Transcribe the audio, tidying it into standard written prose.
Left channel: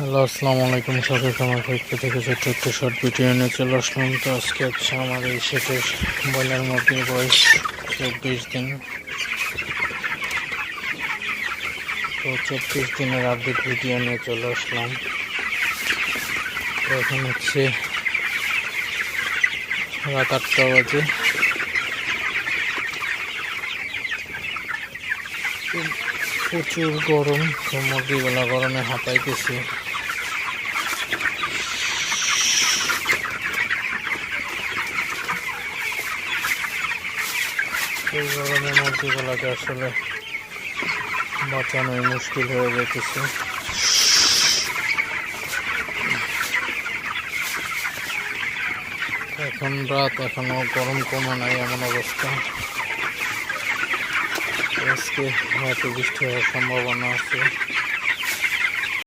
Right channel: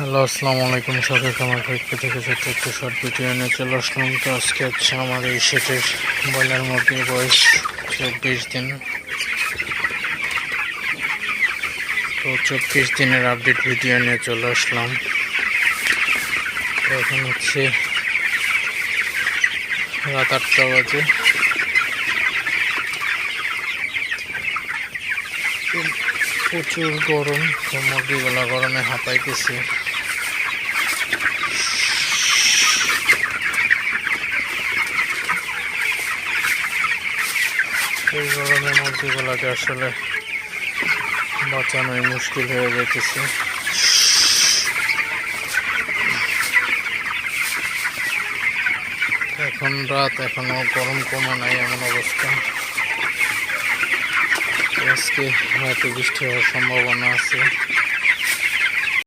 Hello, আসসালামু আলাইকুম। সবাইকে আমার পক্ষ থেকে ছোট্ট একটা শর্ট ভিডিও নিয়ে চলে আসলাম। তো আজকে হচ্ছে আমার এই সেটের ব্রয়লার মুরগির বয়স 24 দিন। তো 24 দিনের আপডেট ভিডিও নিয়ে চলে আসলাম। তো এখন হচ্ছে রাত 8টা বাজে। প্রচুর গরম, তো মুরগিগুলা গরমে হাঁপাইতেছে। এই গরমে মুরগিগুলাকে আসলে বাঁচানোই মুশকিল হয়ে যাইতেছে। এখন রাত, এখনো গরম কমে নাই, এমন অবস্থা। আজকে হয়তো বৃষ্টি হওয়ার সম্ভাবনা আছে।